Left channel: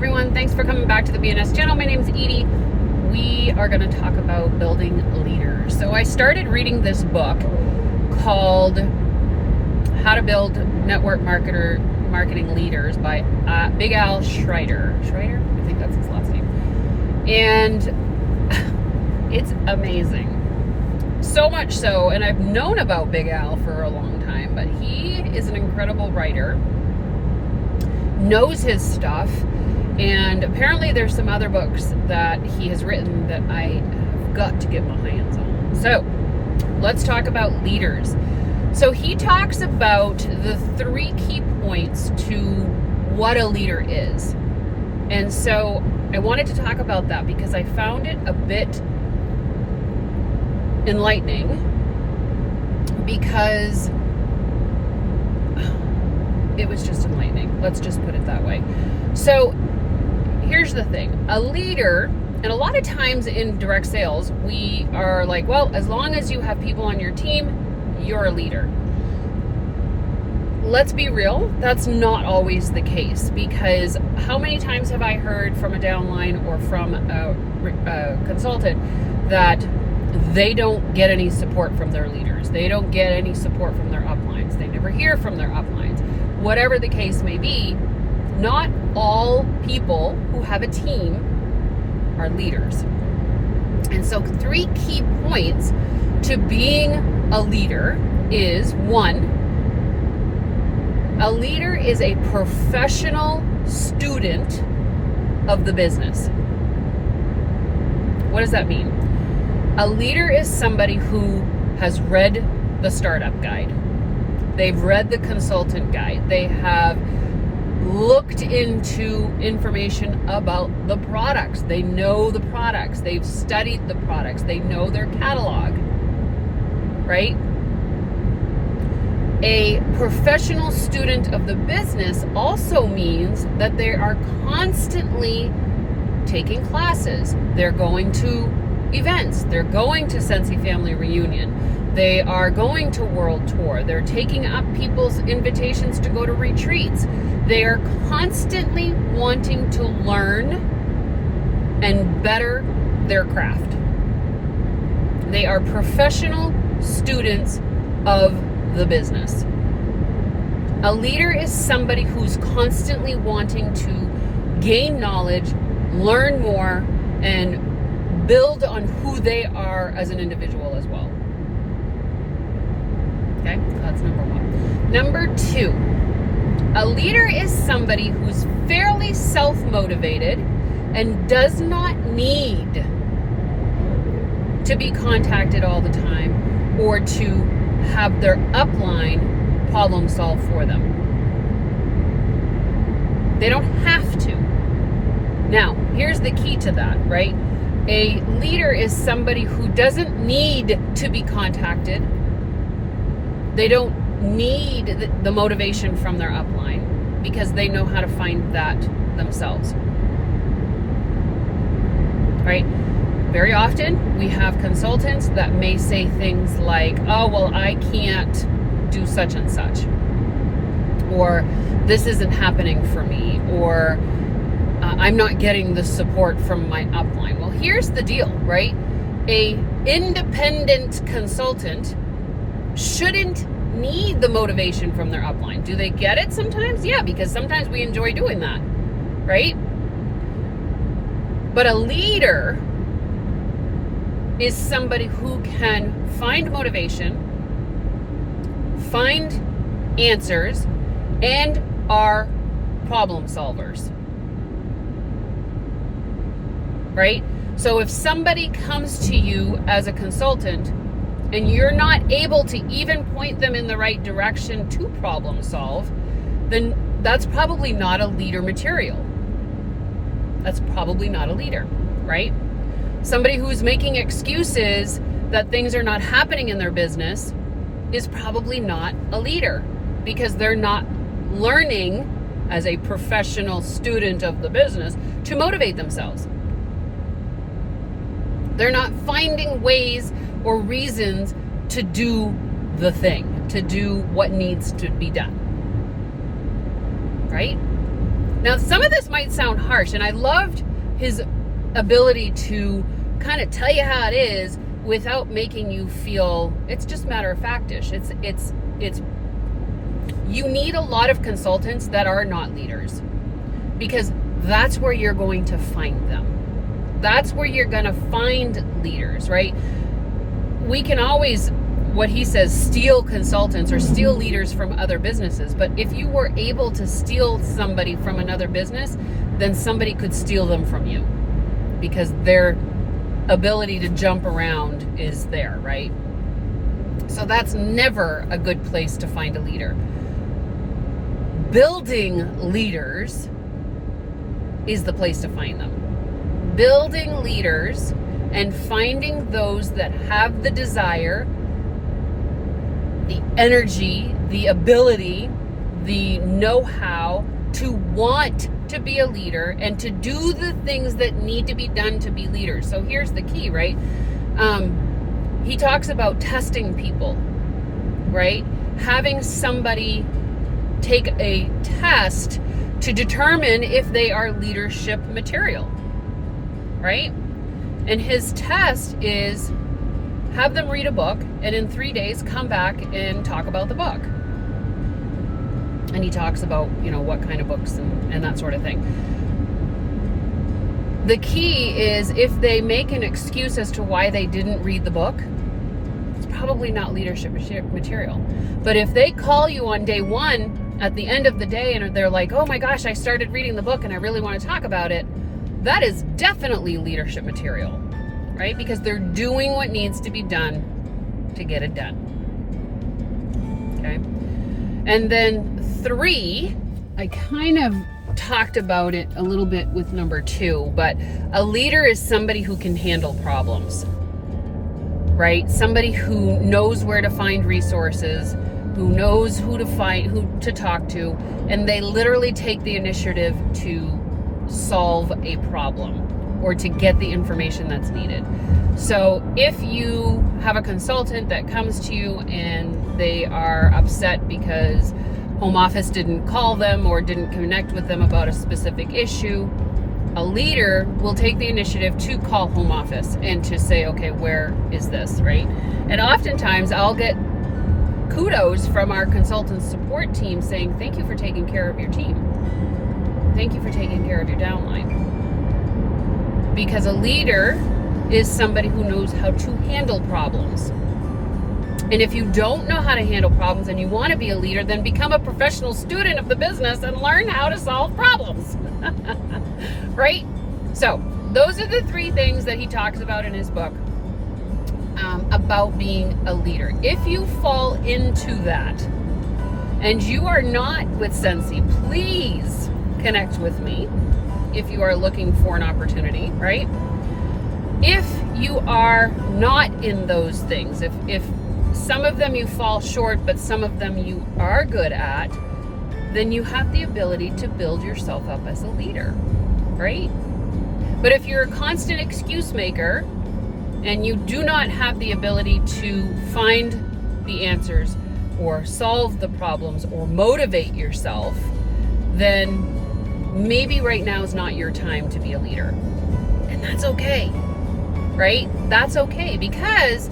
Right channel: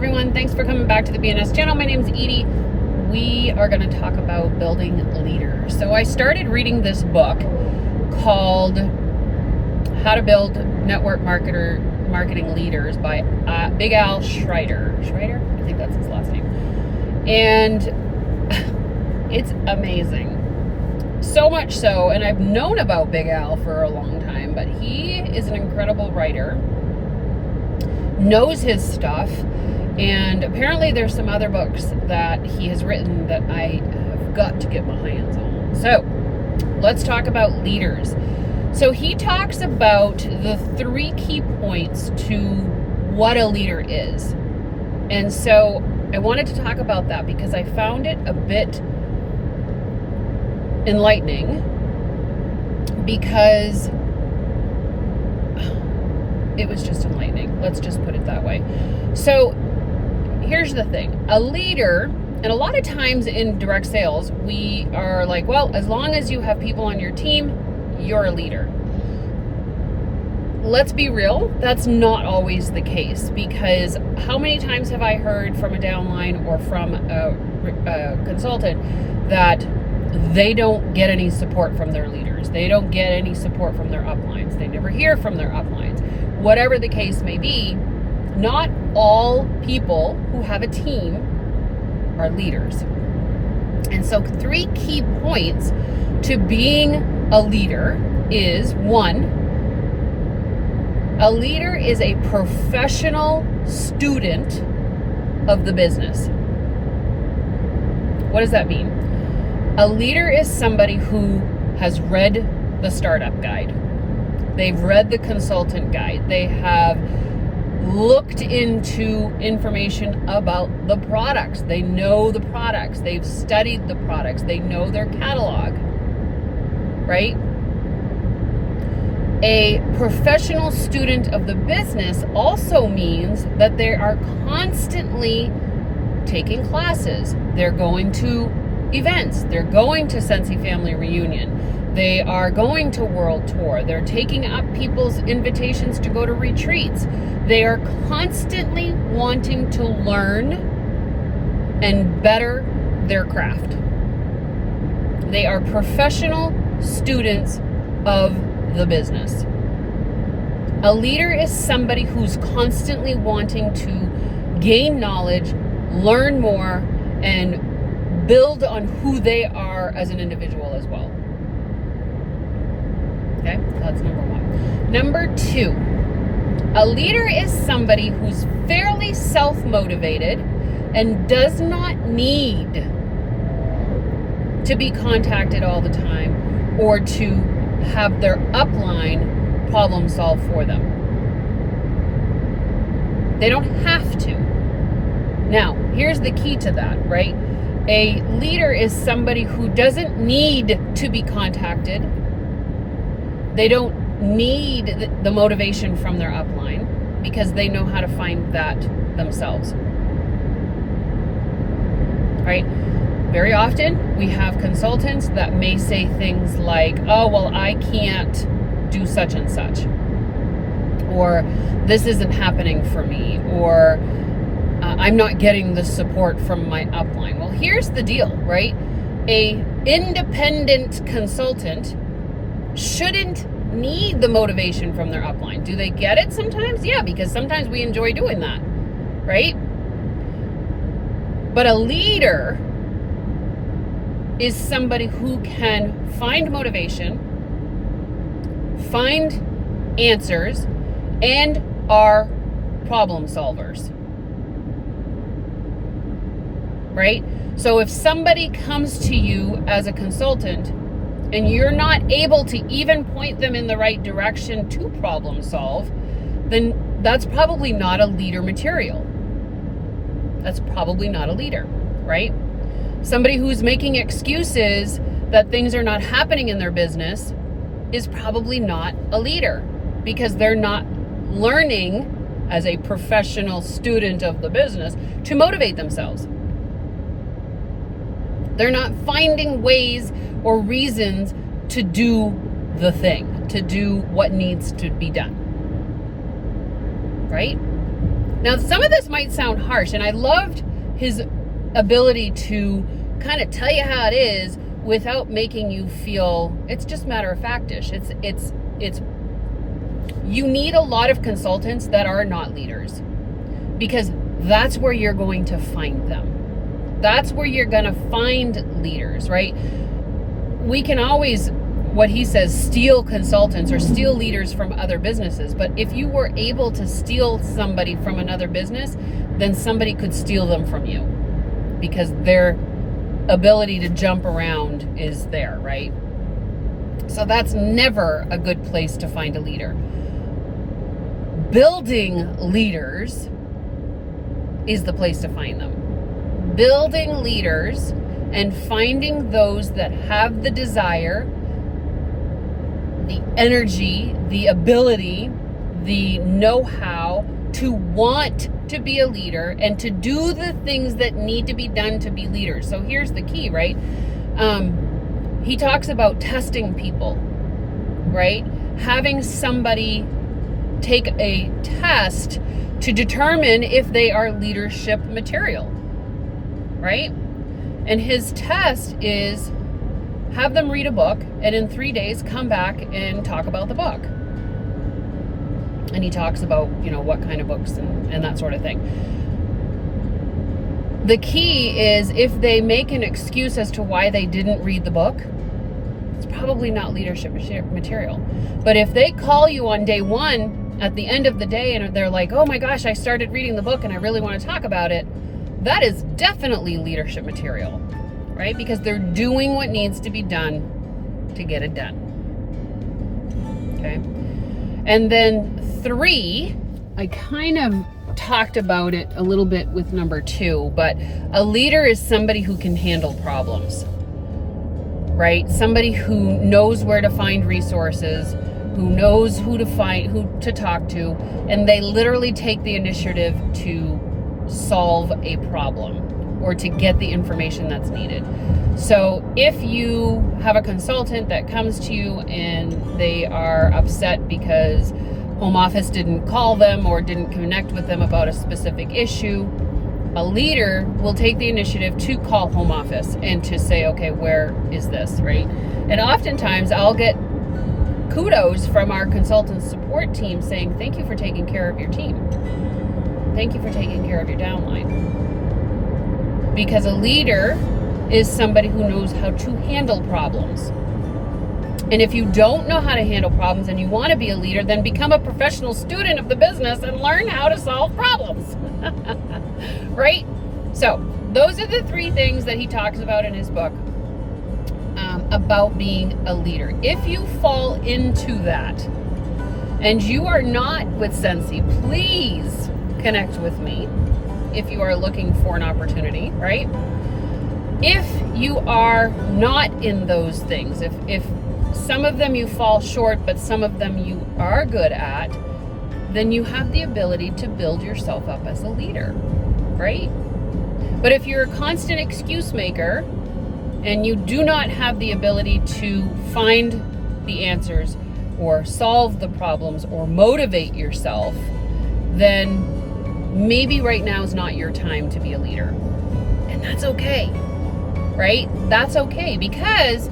everyone. Thanks for coming back to the BNS channel. My name is Edie. We are going to talk about building leaders. So I started reading this book called How to Build Network Marketing Leaders by Big Al Schreiber. Schreiber? I think that's his last name. And it's amazing. So much so, and I've known about Big Al for a long time, but he is an incredible writer, knows his stuff, and apparently there's some other books that he has written that I have got to get my hands on. So let's talk about leaders. So he talks about the 3 key points to what a leader is. And so I wanted to talk about that because I found it a bit enlightening, because it was just enlightening. Let's just put it that way. So here's the thing. A leader, and a lot of times in direct sales, we are like, well, as long as you have people on your team, you're a leader. Let's be real, that's not always the case, because how many times have I heard from a downline or from a consultant that they don't get any support from their leaders? They don't get any support from their uplines. They never hear from their uplines. Whatever the case may be, not all people who have a team are leaders. And so 3 key points to being a leader is: 1, a leader is a professional student of the business. What does that mean? A leader is somebody who has read the startup guide. They've read the consultant guide. They have looked into information about the products. They know the products. They've studied the products. They know their catalog, right? A professional student of the business also means that they are constantly taking classes. They're going to events. They're going to Sensi Family Reunion. They are going to World Tour. They're taking up people's invitations to go to retreats. They are constantly wanting to learn and better their craft. They are professional students of the business. A leader is somebody who's constantly wanting to gain knowledge, learn more, and build on who they are as an individual as well. Okay, that's number 1. Number 2, a leader is somebody who's fairly self-motivated and does not need to be contacted all the time or to have their upline problem solve for them. They don't have to. Now, here's the key to that, right? A leader is somebody who doesn't need to be contacted. They don't need the motivation from their upline because they know how to find that themselves. Right? Very often we have consultants that may say things like, oh, well, I can't do such and such, or this isn't happening for me, or I'm not getting the support from my upline. Well, here's the deal, right? A independent consultant shouldn't need the motivation from their upline. Do they get it sometimes? Yeah, because sometimes we enjoy doing that, right? But a leader is somebody who can find motivation, find answers, and are problem solvers. Right? So if somebody comes to you as a consultant and you're not able to even point them in the right direction to problem solve, then that's probably not a leader material. That's probably not a leader, right? Somebody who's making excuses that things are not happening in their business is probably not a leader, because they're not learning as a professional student of the business to motivate themselves. They're not finding ways or reasons to do the thing, to do what needs to be done. Right? Now, some of this might sound harsh, and I loved his ability to kind of tell you how it is without making you feel it's just matter of factish. It's you need a lot of consultants that are not leaders, because that's where you're going to find them. That's where you're going to find leaders, right? We can always, what he says, steal consultants or steal leaders from other businesses. But if you were able to steal somebody from another business, then somebody could steal them from you, because their ability to jump around is there, right? So that's never a good place to find a leader. Building leaders is the place to find them. Building leaders and finding those that have the desire, the energy, the ability, the know-how to want to be a leader and to do the things that need to be done to be leaders. So here's the key, right? He talks about testing people, right? Having somebody take a test to determine if they are leadership material, right? And his test is have them read a book, and in 3 days come back and talk about the book. And he talks about, what kind of books and that sort of thing. The key is if they make an excuse as to why they didn't read the book, it's probably not leadership material. But if they call you on day one at the end of the day and they're like, oh my gosh, I started reading the book and I really want to talk about it, that is definitely leadership material, right? Because they're doing what needs to be done to get it done. Okay. And then 3, I kind of talked about it a little bit with number 2, but a leader is somebody who can handle problems, right? Somebody who knows where to find resources, who knows who to talk to, and they literally take the initiative to solve a problem or to get the information that's needed. So if you have a consultant that comes to you and they are upset because home office didn't call them or didn't connect with them about a specific issue, a leader will take the initiative to call home office and to say, okay, where is this, right? And oftentimes I'll get kudos from our consultant support team saying, thank you for taking care of your team. Thank you for taking care of your downline. Because a leader is somebody who knows how to handle problems. And if you don't know how to handle problems and you want to be a leader, then become a professional student of the business and learn how to solve problems. Right? So those are the 3 things that he talks about in his book about being a leader. If you fall into that and you are not with Sensi, please connect with me if you are looking for an opportunity, right? If you are not in those things, if some of them you fall short, but some of them you are good at, then you have the ability to build yourself up as a leader, right? But if you're a constant excuse maker and you do not have the ability to find the answers or solve the problems or motivate yourself, then maybe right now is not your time to be a leader. And that's okay, right? That's okay, because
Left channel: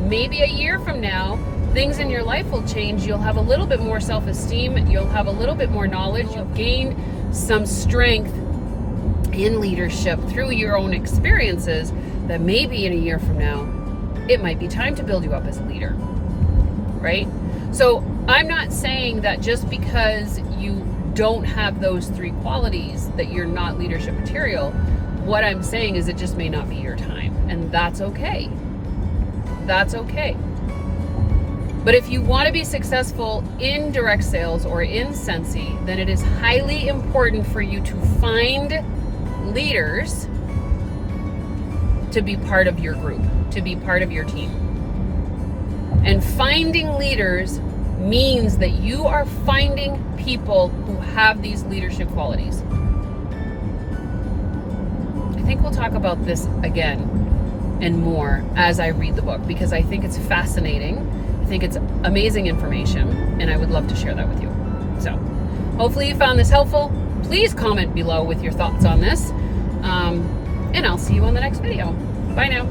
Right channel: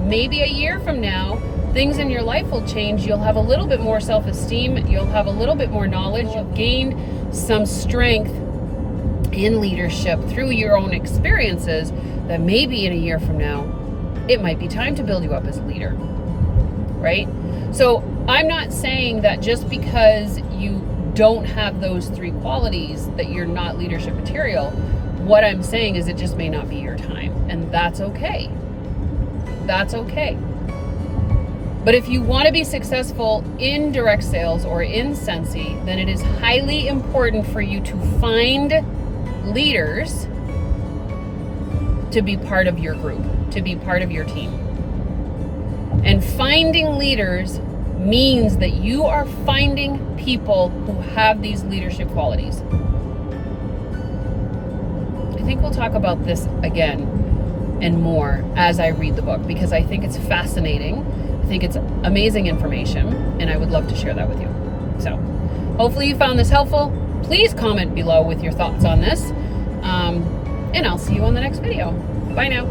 maybe a year from now, things in your life will change. You'll have a little bit more self-esteem. You'll have a little bit more knowledge. You'll gain some strength in leadership through your own experiences that maybe in a year from now, it might be time to build you up as a leader, right? So I'm not saying that just because you don't have those 3 qualities that you're not leadership material. What I'm saying is it just may not be your time, and that's okay. That's okay. But if you want to be successful in direct sales or in Sensi, then it is highly important for you to find leaders to be part of your group, to be part of your team. And finding leaders means that you are finding people who have these leadership qualities. I think we'll talk about this again and more as I read the book, because I think it's fascinating. I think it's amazing information, and I would love to share that with you. So hopefully you found this helpful. please comment below with your thoughts on this. And I'll see you on the next video. Bye now.